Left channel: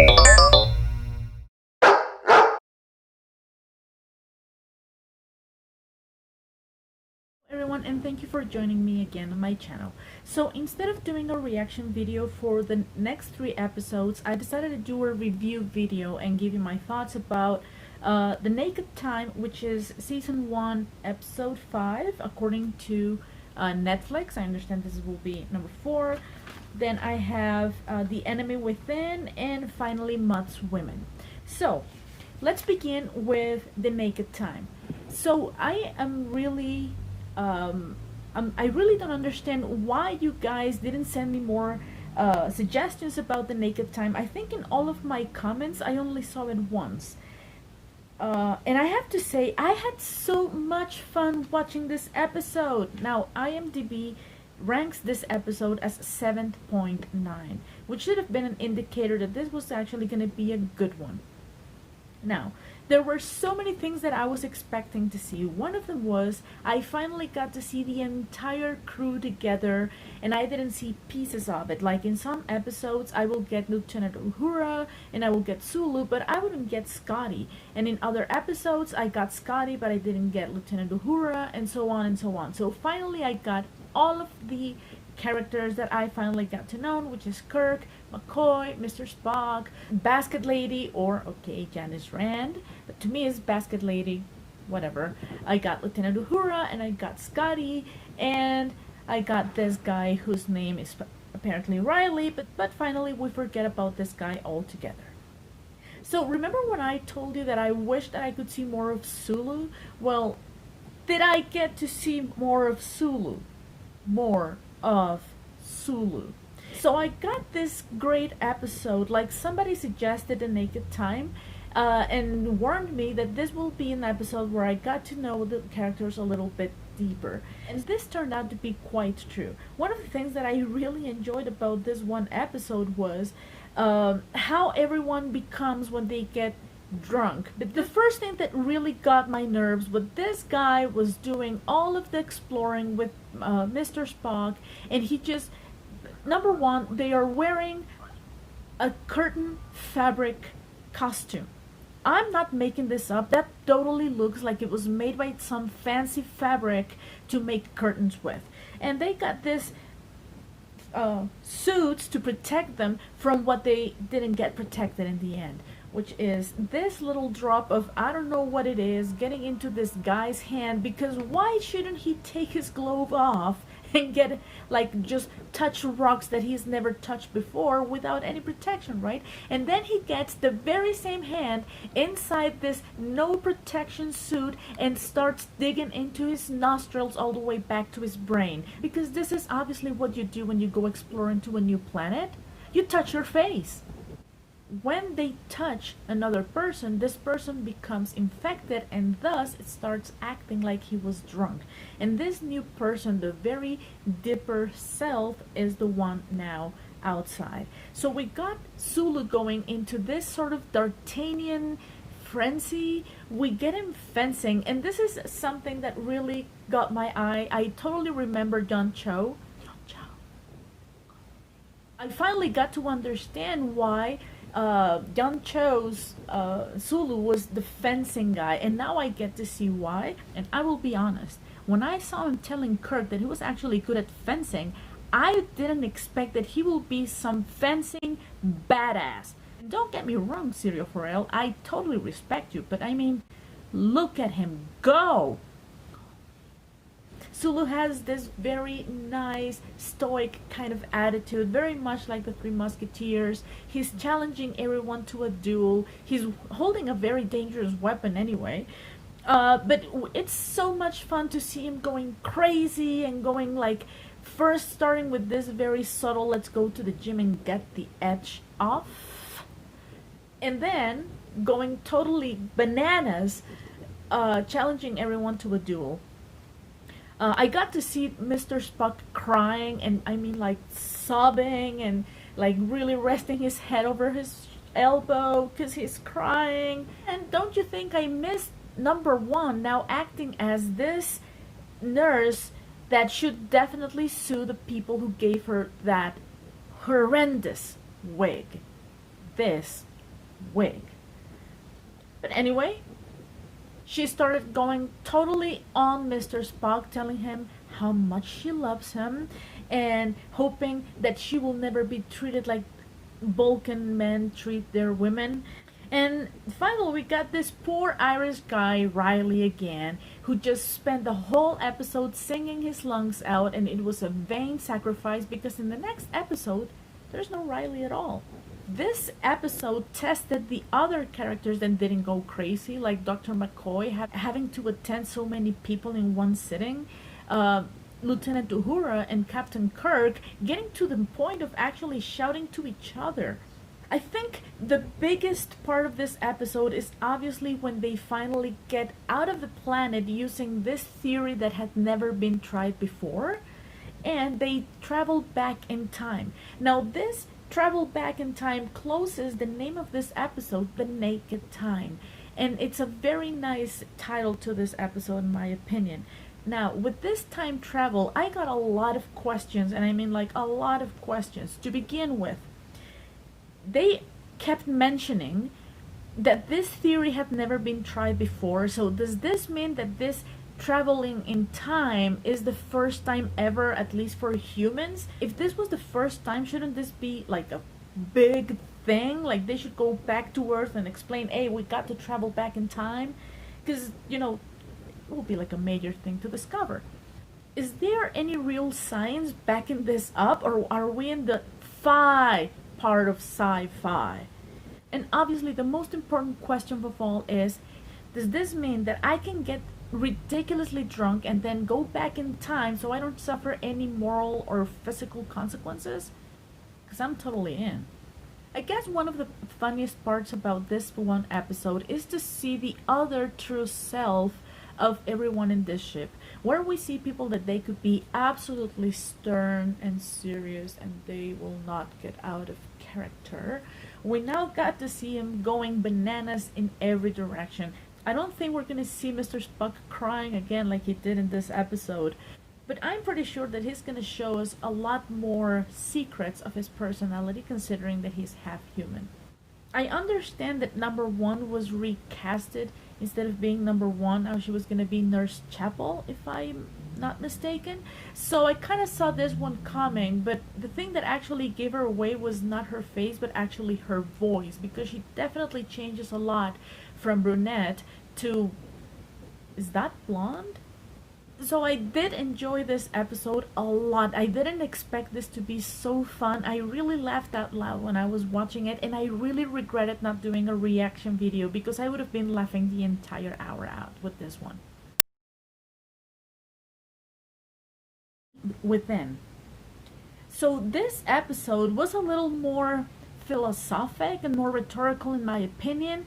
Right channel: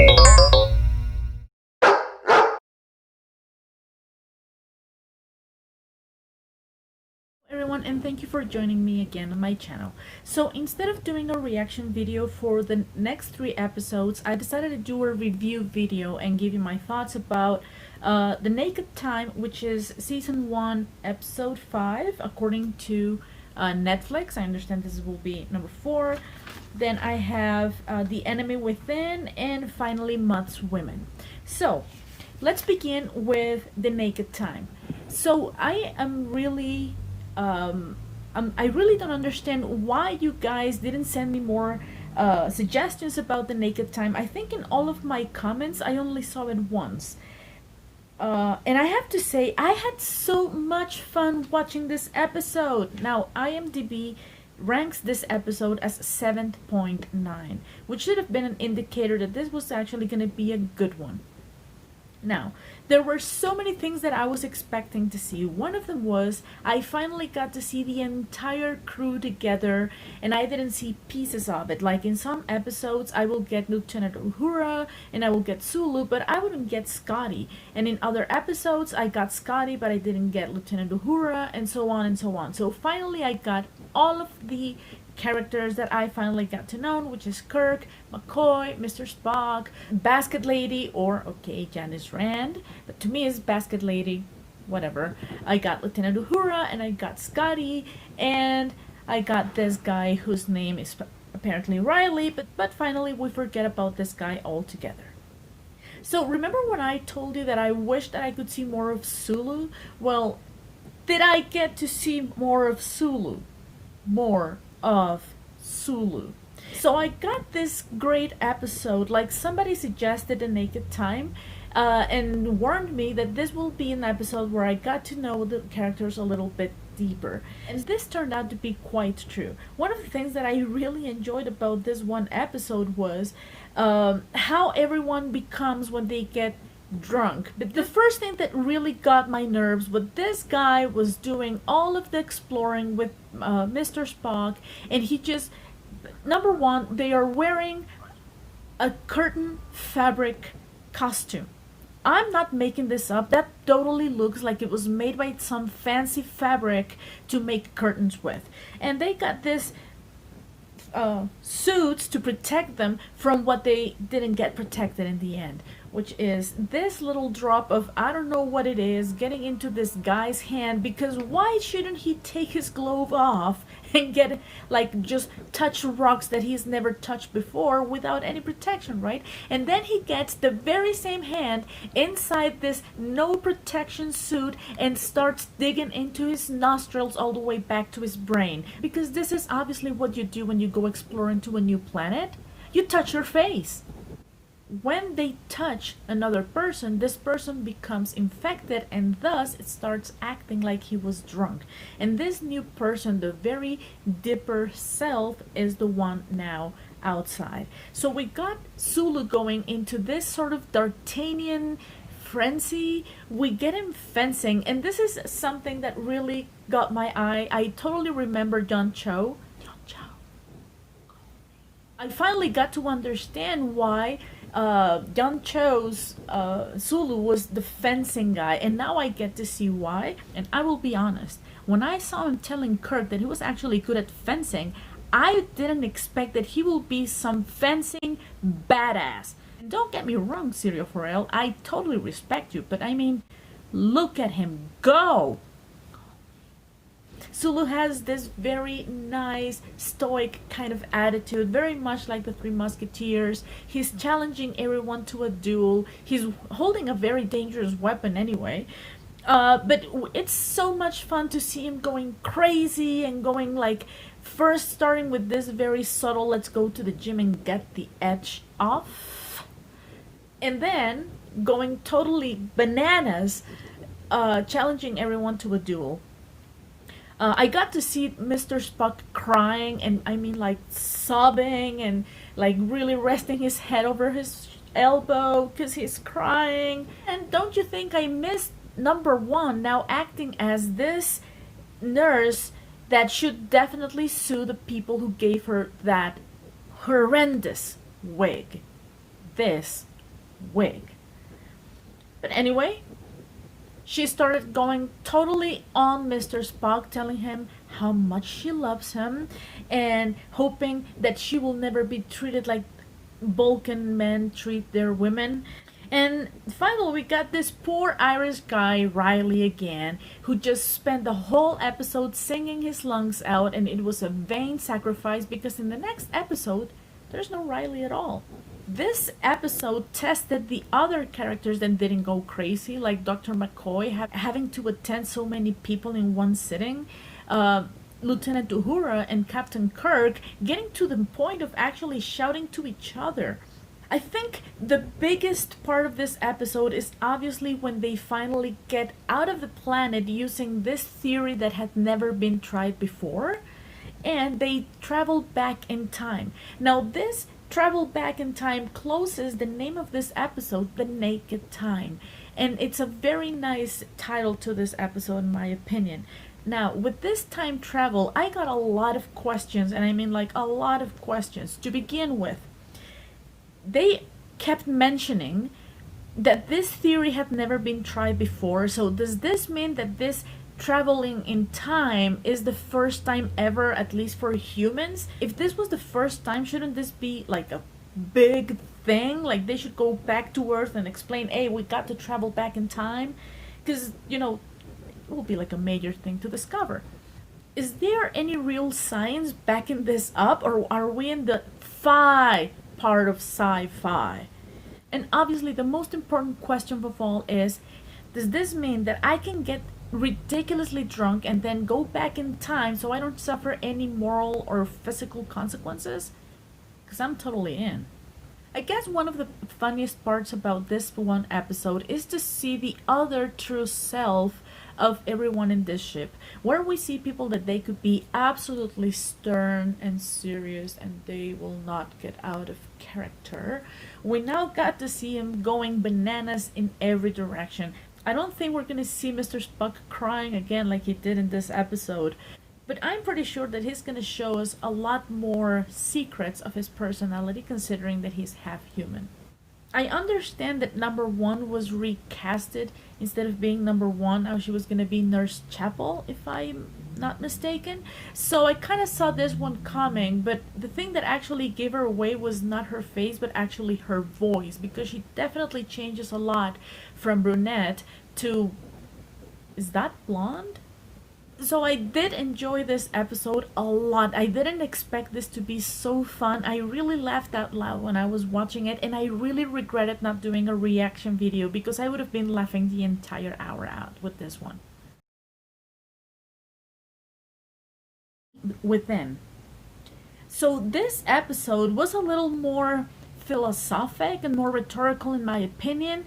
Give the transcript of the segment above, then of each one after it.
Everyone, and thank you for joining me again on my channel. So instead of doing a reaction video for the next 3 episodes, I decided to do a review video and give you my thoughts about The Naked Time, which is season 1 episode 5 according to Netflix. I understand this will be number 4. Then I have The Enemy Within, and finally Mutt's Women. So let's begin with The Naked Time. So I am really I really don't understand why you guys didn't send me more suggestions about The Naked Time. I think in all of my comments I only saw it once. And I have to say, I had so much fun watching this episode. Now, IMDb ranks this episode as 7.9, which should have been an indicator that this was actually going to be a good one. Now, there were so many things that I was expecting to see. One of them was I finally got to see the entire crew together, and I didn't see pieces of it. Like in some episodes, I will get Lieutenant Uhura and I will get Sulu, but I wouldn't get Scotty. And in other episodes, I got Scotty, but I didn't get Lieutenant Uhura, and so on and so on. So finally, I got all of the characters that I finally got to know, which is Kirk, McCoy, Mr. Spock, Basket Lady, or, okay, Janice Rand, but to me it's Basket Lady, whatever. I got Lieutenant Uhura, and I got Scotty, and I got this guy whose name is apparently Riley, but finally we forget about this guy altogether. So remember when I told you that I wished that I could see more of Sulu? Well, did I get to see more of Sulu? More of Sulu. So I got this great episode, like somebody suggested The Naked Time, and warned me that this will be an episode where I got to know the characters a little bit deeper. And this turned out to be quite true. One of the things that I really enjoyed about this one episode was how everyone becomes when they get drunk. But the first thing that really got my nerves was this guy was doing all of the exploring with Mr. Spock, and he just, number one, they are wearing a curtain fabric costume. I'm not making this up. That totally looks like it was made by some fancy fabric to make curtains with. And they got this suits to protect them from what they didn't get protected in the end, which is this little drop of, I don't know what it is, getting into this guy's hand, because why shouldn't he take his glove off and get, like, just touch rocks that he's never touched before without any protection, right? And then he gets the very same hand inside this no protection suit and starts digging into his nostrils all the way back to his brain. Because this is obviously what you do when you go exploring to a new planet. You touch your face. When they touch another person, this person becomes infected, and thus it starts acting like he was drunk. And this new person, the very dipper self, is the one now outside. So we got Sulu going into this sort of D'Artagnan frenzy. We get him fencing, and this is something that really got my eye. I totally remember John Cho. I finally got to understand why John Cho's Sulu was the fencing guy, and now I get to see why. And I will be honest, when I saw him telling Kirk that he was actually good at fencing, I didn't expect that he will be some fencing badass. And don't get me wrong, Serial Forel, I totally respect you, but I mean, look at him go! Sulu has this very nice, stoic kind of attitude, very much like the Three Musketeers. He's challenging everyone to a duel. He's holding a very dangerous weapon anyway. But it's so much fun to see him going crazy and going, like, first starting with this very subtle, let's go to the gym and get the edge off. And then going totally bananas, challenging everyone to a duel. I got to see Mr. Spock crying, and I mean, like, sobbing and, like, really resting his head over his elbow because he's crying. And don't you think I missed number one now acting as this nurse that should definitely sue the people who gave her that horrendous wig. This wig. But anyway, she started going totally on Mr. Spock, telling him how much she loves him and hoping that she will never be treated like Vulcan men treat their women. And finally, we got this poor Irish guy, Riley, again, who just spent the whole episode singing his lungs out, and it was a vain sacrifice because in the next episode, there's no Riley at all. This episode tested the other characters that didn't go crazy, like Dr. McCoy having to attend so many people in one sitting, Lieutenant Uhura and Captain Kirk getting to the point of actually shouting to each other. I think the biggest part of this episode is obviously when they finally get out of the planet using this theory that had never been tried before, and they travel back in time. Now this travel back in time closes the name of this episode, The Naked Time, and it's a very nice title to this episode in my opinion. Now, with this time travel, I got a lot of questions, and I mean like a lot of questions. To begin with, they kept mentioning that this theory had never been tried before, so does this mean that this traveling in time is the first time ever, at least for humans? If this was the first time, shouldn't this be like a big thing? Like they should go back to Earth and explain, hey, we got to travel back in time? Because, you know, it will be like a major thing to discover. Is there any real science backing this up, or are we in the fi part of sci-fi? And obviously the most important question of all is, does this mean that I can get ridiculously drunk and then go back in time so I don't suffer any moral or physical consequences? Because I'm totally in. I guess one of the funniest parts about this one episode is to see the other true self of everyone in this ship, where we see people that they could be absolutely stern and serious and they will not get out of character. We now got to see him going bananas in every direction. I don't think we're going to see Mr. Spock crying again like he did in this episode, but I'm pretty sure that he's going to show us a lot more secrets of his personality, considering that he's half human. I understand that number one was recasted. Instead of being number one, now she was going to be Nurse Chapel, if I'm not mistaken. So I kind of saw this one coming, but the thing that actually gave her away was not her face, but actually her voice, because she definitely changes a lot from brunette to, is that blonde? So I did enjoy this episode a lot. I didn't expect this to be so fun. I really laughed out loud when I was watching it, and I really regretted not doing a reaction video because I would have been laughing the entire hour out with this one. Within. So this episode was a little more philosophic and more rhetorical in my opinion.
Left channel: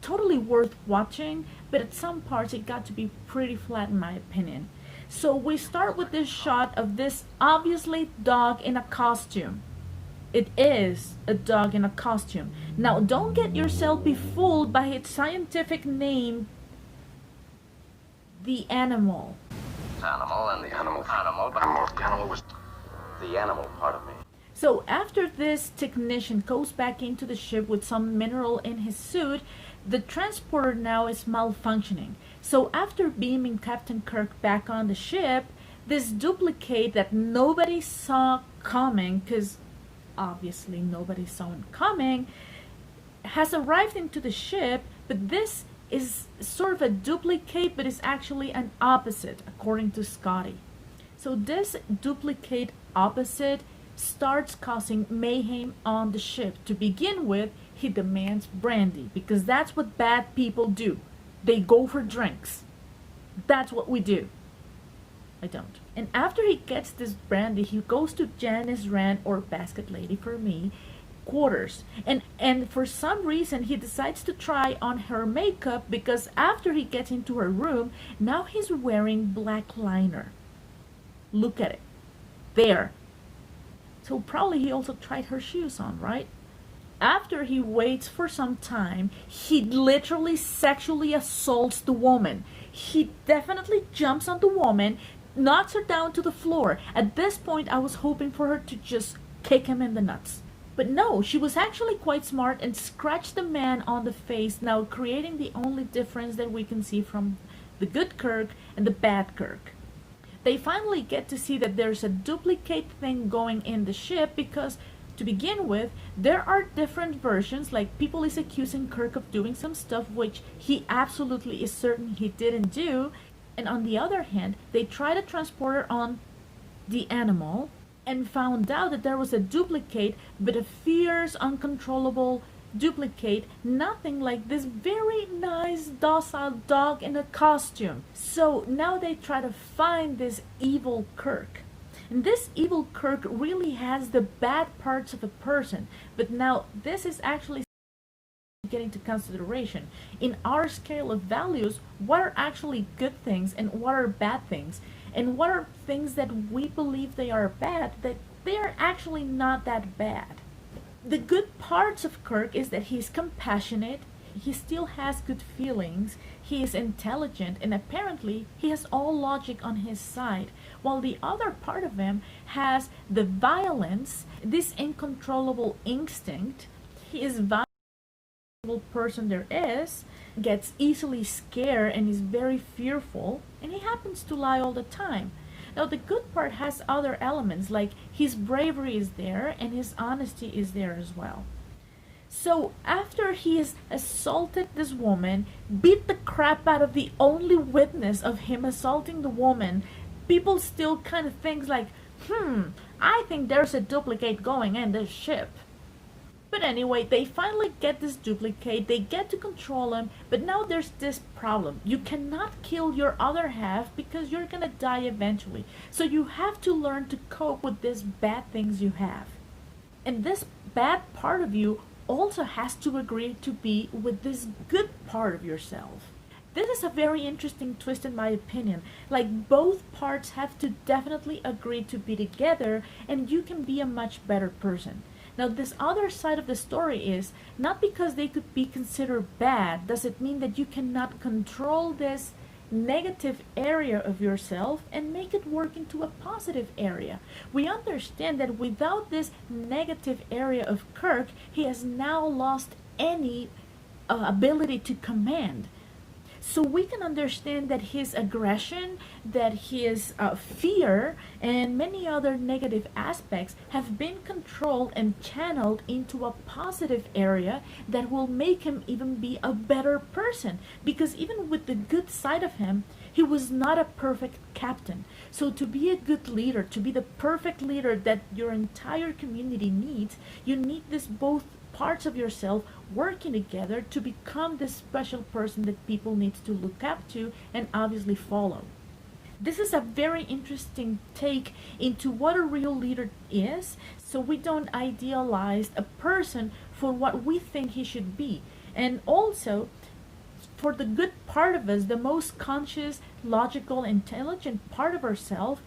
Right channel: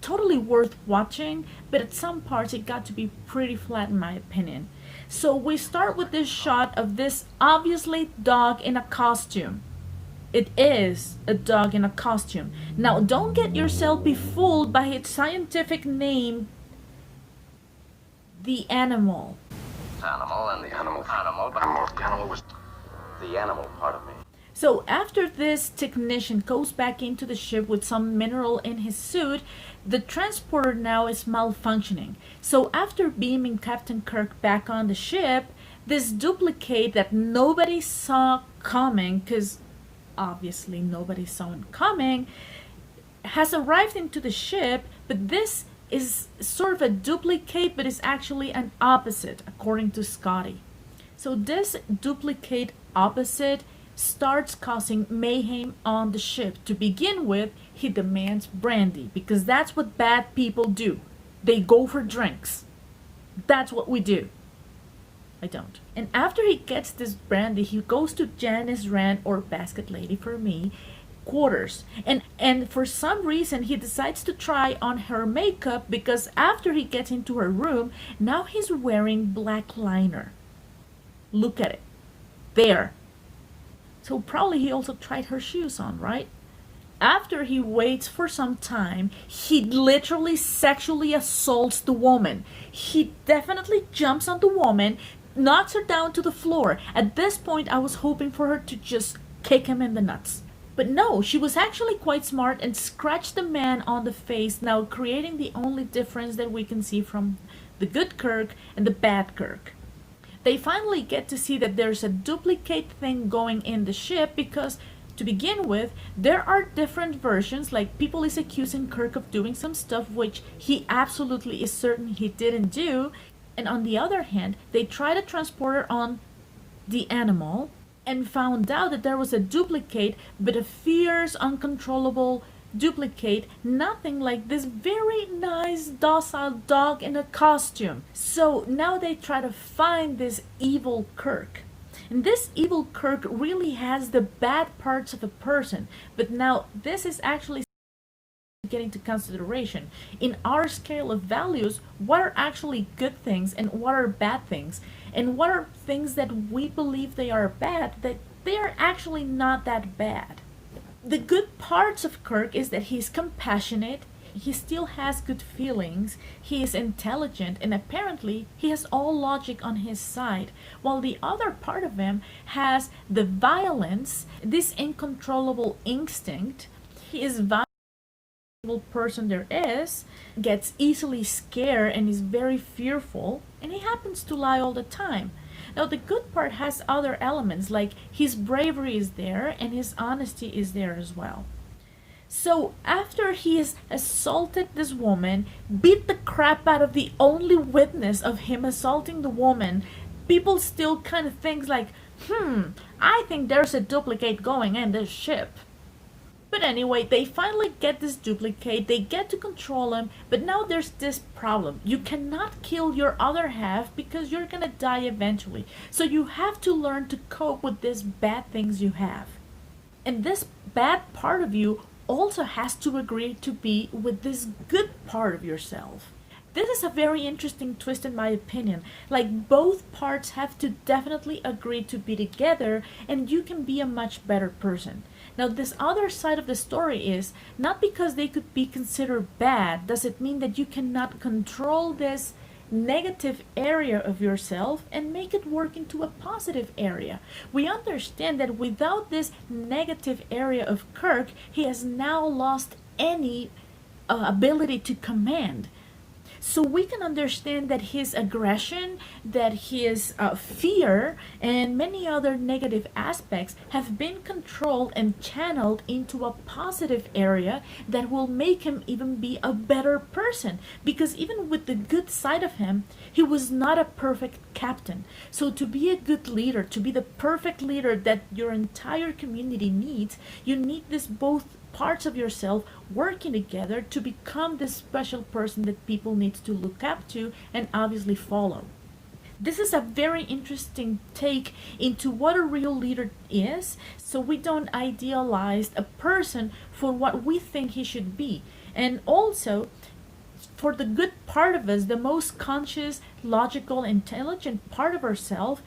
Totally worth watching, but at some parts it got to be pretty flat in my opinion. So we start with this shot of this obviously dog in a costume. It is a dog in a costume. Now don't get yourself be fooled by its scientific name, the animal. Animal and the animal, but the animal was the animal part of me. So after this technician goes back into the ship with some mineral in his suit, the transporter now is malfunctioning. So after beaming Captain Kirk back on the ship, this duplicate that nobody saw coming, because obviously nobody saw it coming, has arrived into the ship, but this is sort of a duplicate, but it's actually an opposite, according to Scotty. So this duplicate opposite starts causing mayhem on the ship. To begin with, he demands brandy, because that's what bad people do. They go for drinks. That's what we do. I don't. And after he gets this brandy, he goes to Janice Rand, or Basket Lady for me, quarters. And for some reason, he decides to try on her makeup, because after he gets into her room, now he's wearing black liner. Look at it. There. So probably he also tried her shoes on, right? After he waits for some time, he literally sexually assaults the woman. He definitely jumps on the woman, knocks her down to the floor. At this point, I was hoping for her to just kick him in the nuts. But no, she was actually quite smart and scratched the man on the face, now creating the only difference that we can see from the good Kirk and the bad Kirk. They finally get to see that there's a duplicate thing going in the ship because, to begin with, there are different versions, like people is accusing Kirk of doing some stuff which he absolutely is certain he didn't do, and on the other hand, they try to transport her on the animal and found out that there was a duplicate, but a fierce, uncontrollable duplicate, nothing like this very nice, docile dog in a costume. So now they try to find this evil Kirk. And this evil Kirk really has the bad parts of a person, but now this is actually getting into consideration. In our scale of values, what are actually good things and what are bad things? And what are things that we believe they are bad that they are actually not that bad? The good parts of Kirk is that he's compassionate, he still has good feelings, he is intelligent, and apparently he has all logic on his side, while the other part of him has the violence, this uncontrollable instinct. He is violent person there is, gets easily scared and is very fearful, and he happens to lie all the time. Now the good part has other elements, like his bravery is there and his honesty is there as well. So after he has assaulted this woman, beat the crap out of the only witness of him assaulting the woman, people still kind of think like, I think there's a duplicate going in this ship. But anyway, they finally get this duplicate, they get to control him, but now there's this problem. You cannot kill your other half because you're gonna die eventually. So you have to learn to cope with these bad things you have. And this bad part of you also has to agree to be with this good part of yourself. This is a very interesting twist in my opinion. Like, both parts have to definitely agree to be together and you can be a much better person. Now this other side of the story is, not because they could be considered bad, does it mean that you cannot control this negative area of yourself and make it work into a positive area. We understand that without this negative area of Kirk, he has now lost any ability to command. So we can understand that his aggression, that his fear, and many other negative aspects have been controlled and channeled into a positive area that will make him even be a better person. Because even with the good side of him, he was not a perfect captain. So to be a good leader, to be the perfect leader that your entire community needs, you need this both parts of yourself working together to become this special person that people need to look up to and obviously follow. This is a very interesting take into what a real leader is, so we don't idealize a person for what we think he should be. And also, for the good part of us, the most conscious, logical, intelligent part of ourselves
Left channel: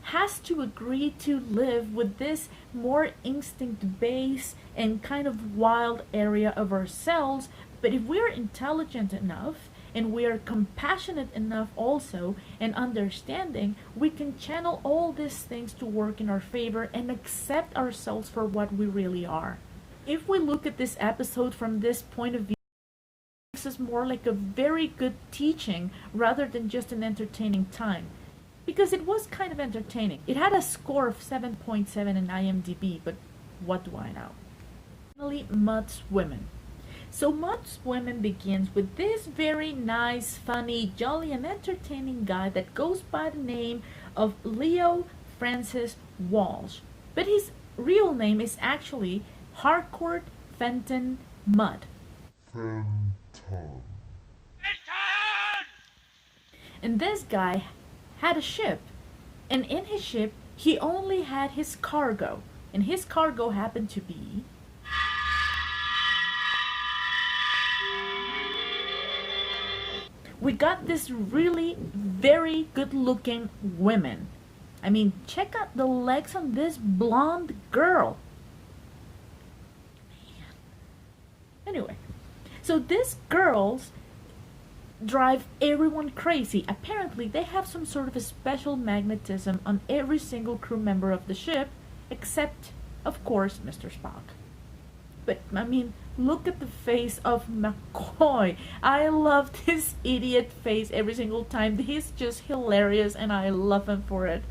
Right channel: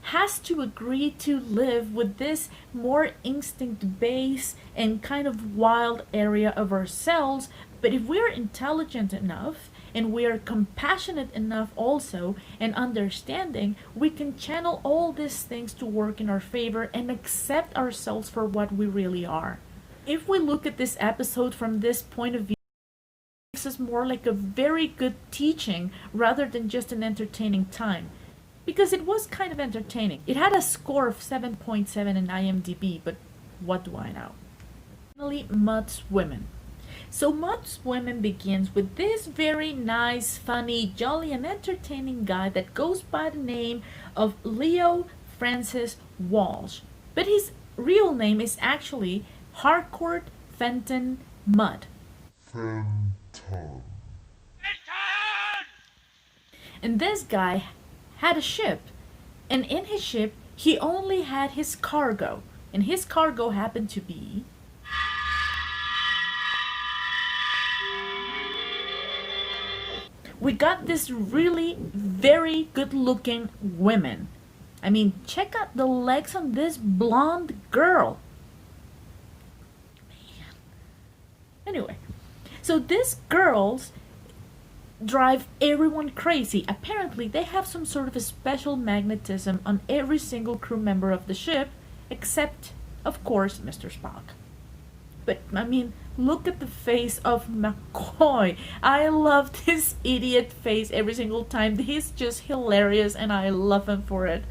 has to agree to live with this more instinct-based and kind of wild area of ourselves. But if we're intelligent enough and we are compassionate enough also and understanding, we can channel all these things to work in our favor and accept ourselves for what we really are. If we look at this episode from this point of view, this is more like a very good teaching rather than just an entertaining time. Because it was kind of entertaining. It had a score of 7.7 in IMDb, but what do I know? Finally, Mutt's Women. So Mutt's Women begins with this very nice, funny, jolly, and entertaining guy that goes by the name of Leo Francis Walsh. But his real name is actually Harcourt Fenton Mudd. And this guy had a ship, and in his ship he only had his cargo, and his cargo happened to be we got this really very good looking women. I mean, check out the legs on this blonde girl. Anyway, so these girls drive everyone crazy. Apparently, they have some sort of a special magnetism on every single crew member of the ship, except, of course, Mr. Spock. But I mean, look at the face of McCoy. I love his idiot face every single time. He's just hilarious and I love him for it.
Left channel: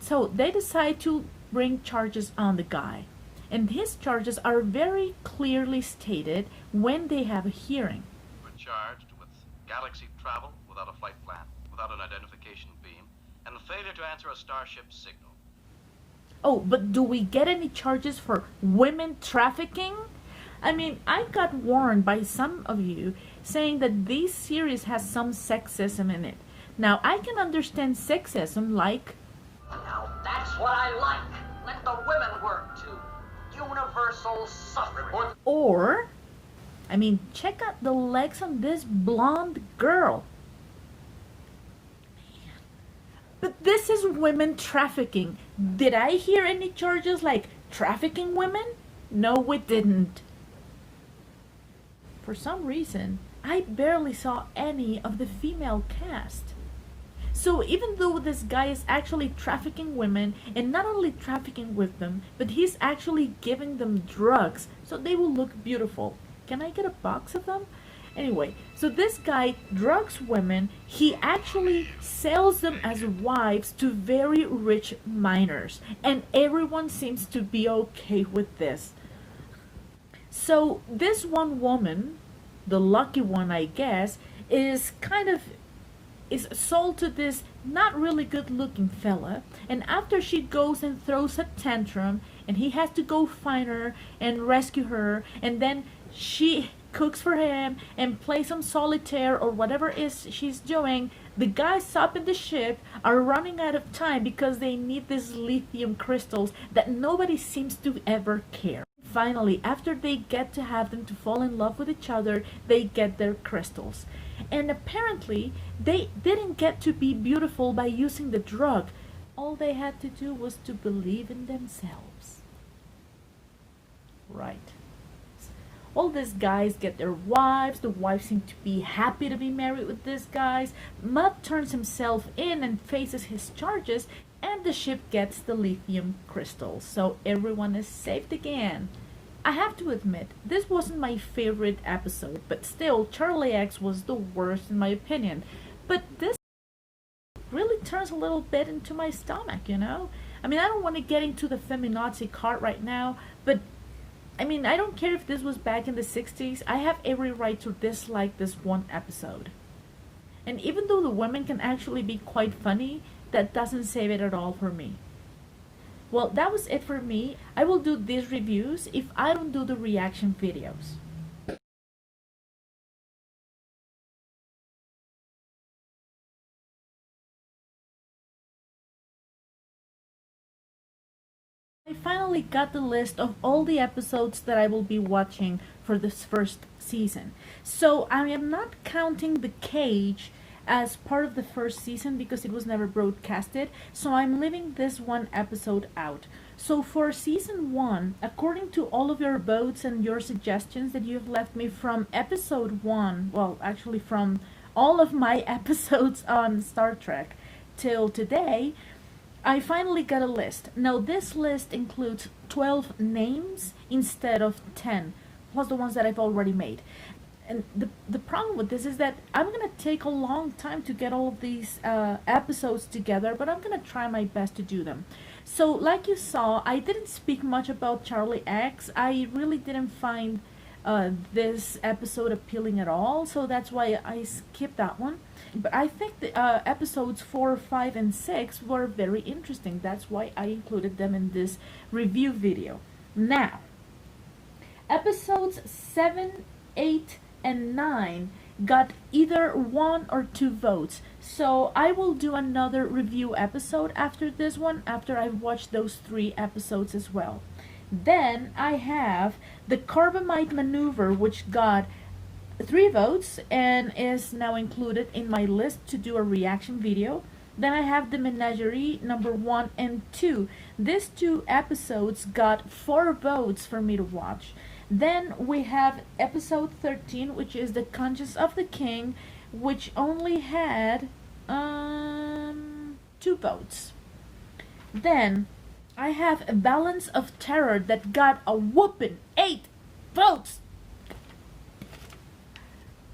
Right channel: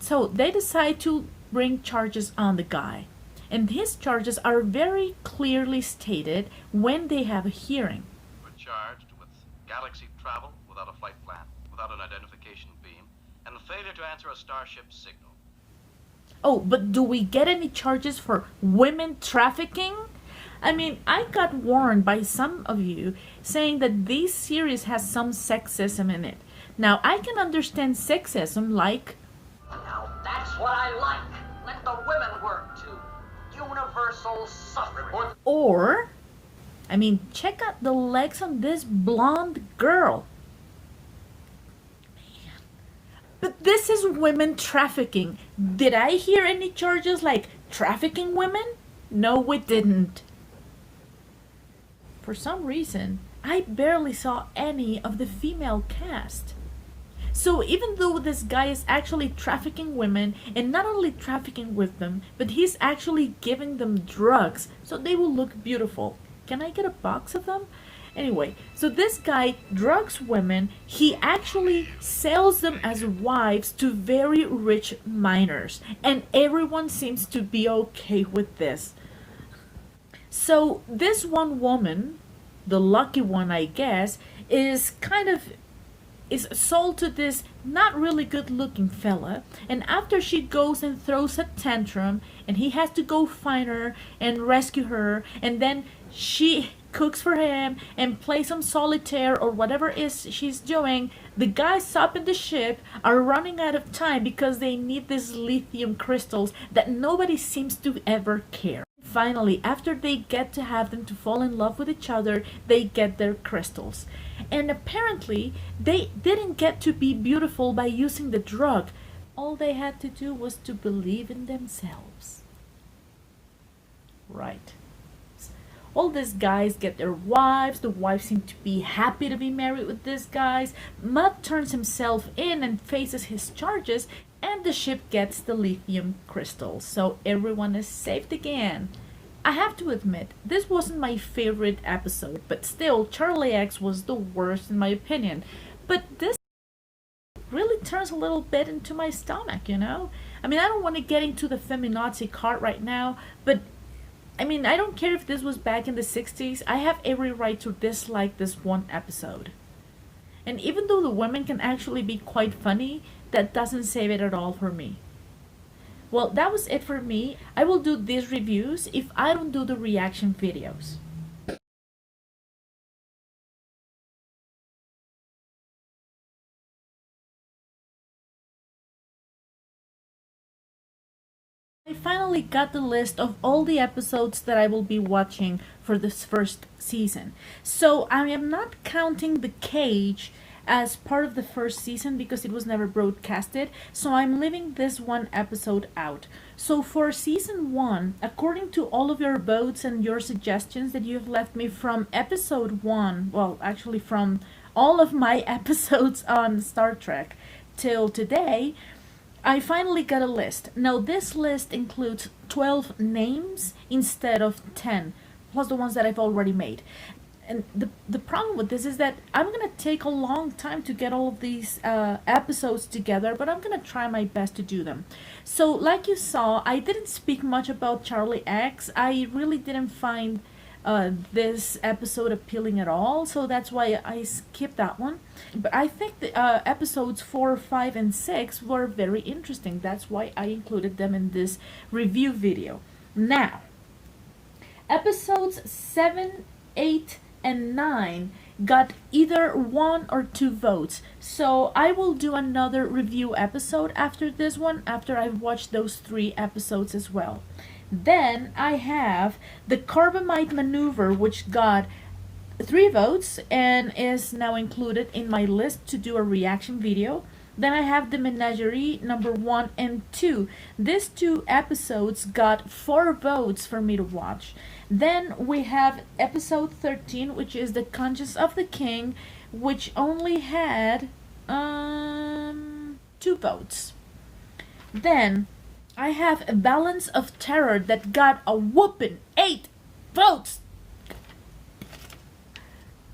So they decide to bring charges on the guy. And his charges are very clearly stated when they have a hearing. We're charged with galaxy travel without a flight plan, without an identification beam, and the failure to answer a starship signal. Oh, but do we get any charges for women trafficking? I mean, I got warned by some of you saying that this series has some sexism in it. Now, I can understand sexism like... Now that's what I like. Let the women work too. Universal suffrage. Or, I mean, check out the legs on this blonde girl. But this is women trafficking. Did I hear any charges like trafficking women? No, we didn't. For some reason, I barely saw any of the female cast. So even though this guy is actually trafficking women, and not only trafficking with them, but he's actually giving them drugs so they will look beautiful. Can I get a box of them? Anyway, so this guy drugs women. He actually sells them as wives to very rich minors, and everyone seems to be okay with this. So this one woman, the lucky one I guess, is sold to this not really good looking fella, and after she goes and throws a tantrum and he has to go find her and rescue her, and then she cooks for him and plays some solitaire or whatever is she's doing, the guys up in the ship are running out of time because they need these lithium crystals that nobody seems to ever care. Finally, after they get to have them to fall in love with each other, they get their crystals. And apparently, they didn't get to be beautiful by using the drug. All they had to do was to believe in themselves. Right. All these guys get their wives. The wives seem to be happy to be married with these guys. Mutt turns himself in and faces his charges, and the ship gets the lithium crystals. So everyone is saved again. I have to admit, this wasn't my favorite episode, but still, Charlie X was the worst in my opinion. But this really turns a little bit into my stomach, you know? I mean, I don't want to get into the feminazi cart right now, but I mean, I don't care if this was back in the 60s, I have every right to dislike this one episode. And even though the women can actually be quite funny, that doesn't save it at all for me. Well, that was it for me. I will do these reviews if I don't do the reaction videos. I finally got the list of all the episodes that I will be watching for this first season. So I am not counting The Cage as part of the first season because it was never broadcasted, so I'm leaving this one episode out. So for season 1, according to all of your votes and your suggestions that you've left me from episode 1, well actually from all of my episodes on Star Trek till today, I finally got a list. Now this list includes 12 names instead of 10, plus the ones that I've already made. And the problem with this is that I'm going to take a long time to get all of these episodes together, but I'm going to try my best to do them. So like you saw, I didn't speak much about Charlie X. I really didn't find this episode appealing at all, so that's why I skipped that one. But I think the episodes 4, 5, and 6 were very interesting. That's why I included them in this review video. Now, episodes 7, 8, and 9 got either 1 or 2 votes, so I will do another review episode after this one, after I've watched those 3 episodes as well. Then I have the Carbamide Maneuver, which got 3 votes and is now included in my list to do a reaction video. Then I have the Menagerie number 1 and 2. These 2 episodes got 4 votes for me to watch. Then we have episode 13, which is The Conscience of the King, which only had 2 votes. Then I have A Balance of Terror that got a whooping 8 votes.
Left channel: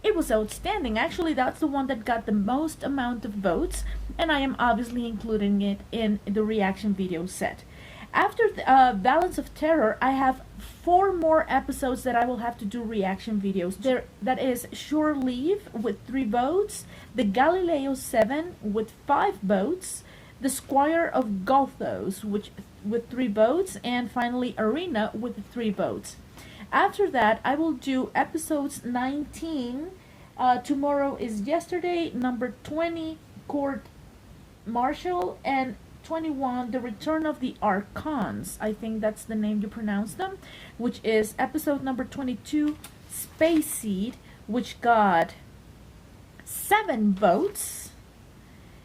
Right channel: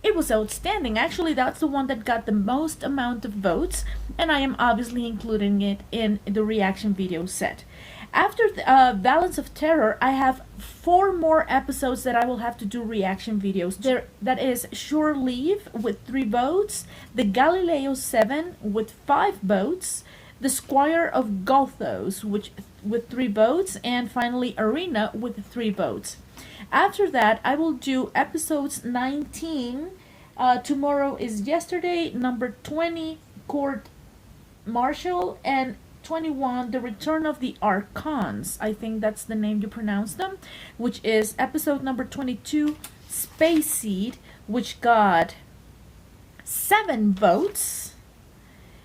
It was outstanding. Actually, that's the one that got the most amount of votes, and I am obviously including it in the reaction video set. After Balance of Terror, I have 4 more episodes that I will have to do reaction videos. That is Shore Leave with 3 votes, the Galileo 7 with 5 votes, the Squire of Gothos with 3 votes, and finally Arena with 3 votes. After that, I will do episodes 19. Tomorrow is Yesterday, number 20, Court Martial, and 21, The Return of the Archons. I think that's the name you pronounce them, which is episode number 22, Space Seed, which got 7 votes.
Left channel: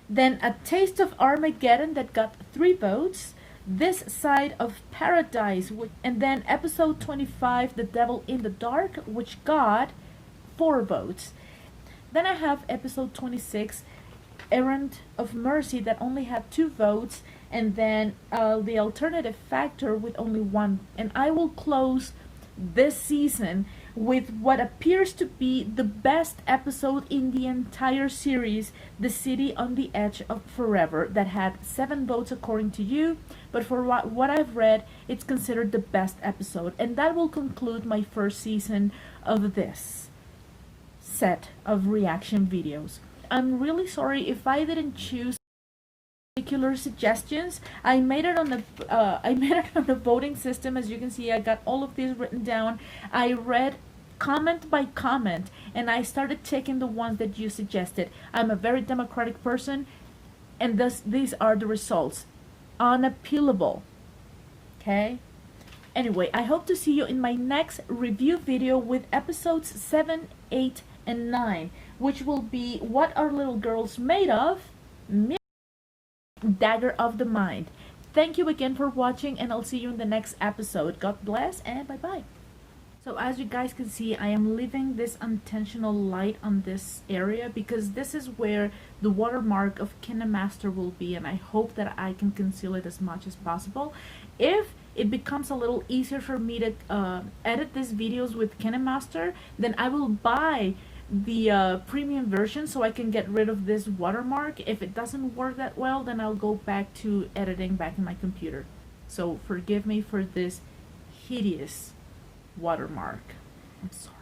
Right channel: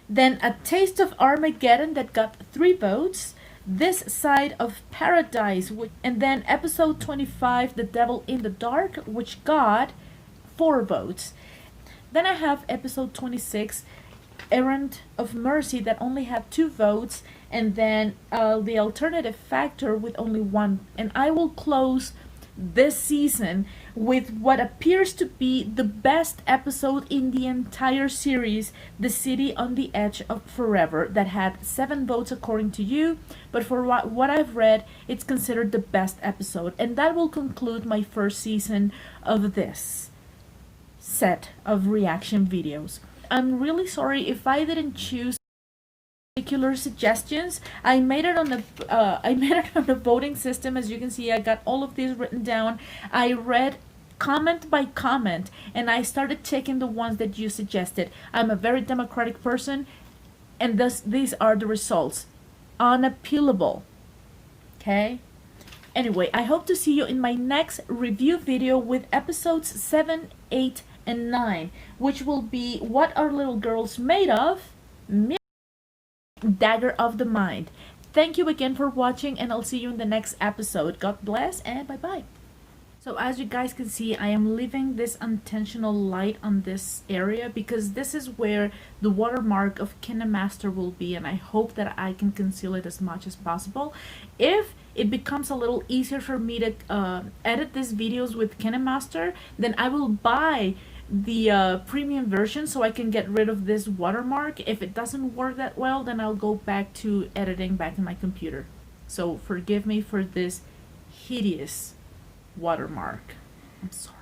Then A Taste of Armageddon that got 3 votes. This Side of Paradise, and then episode 25, The Devil in the Dark, which got 4 votes. Then I have episode 26, Errand of Mercy, that only had 2 votes, and then The Alternative Factor with only 1. And I will close this season with what appears to be the best episode in the entire series, The City on the Edge of Forever, that had 7 votes according to you, but for what I've read, it's considered the best episode. And that will conclude my first season of this set of reaction videos. I'm really sorry if I didn't choose particular suggestions. I made it on the voting system. As you can see, I got all of these written down. I read comment by comment, and I started checking the ones that you suggested. I'm a very democratic person, and thus these are the results. Unappealable. Okay? Anyway, I hope to see you in my next review video with episodes 7, 8, and 9, which will be What Are Little Girls Made Of? Dagger of the Mind. Thank you again for watching, and I'll see you in the next episode. God bless, and bye-bye. So as you guys can see, I am leaving this unintentional light on this area because this is where the watermark of KineMaster will be, and I hope that I can conceal it as much as possible. If it becomes a little easier for me to edit these videos with KineMaster, then I will buy the premium version so I can get rid of this watermark. If it doesn't work that well, then I'll go back to editing back in my computer. So forgive me for this hideous watermark. I'm sorry.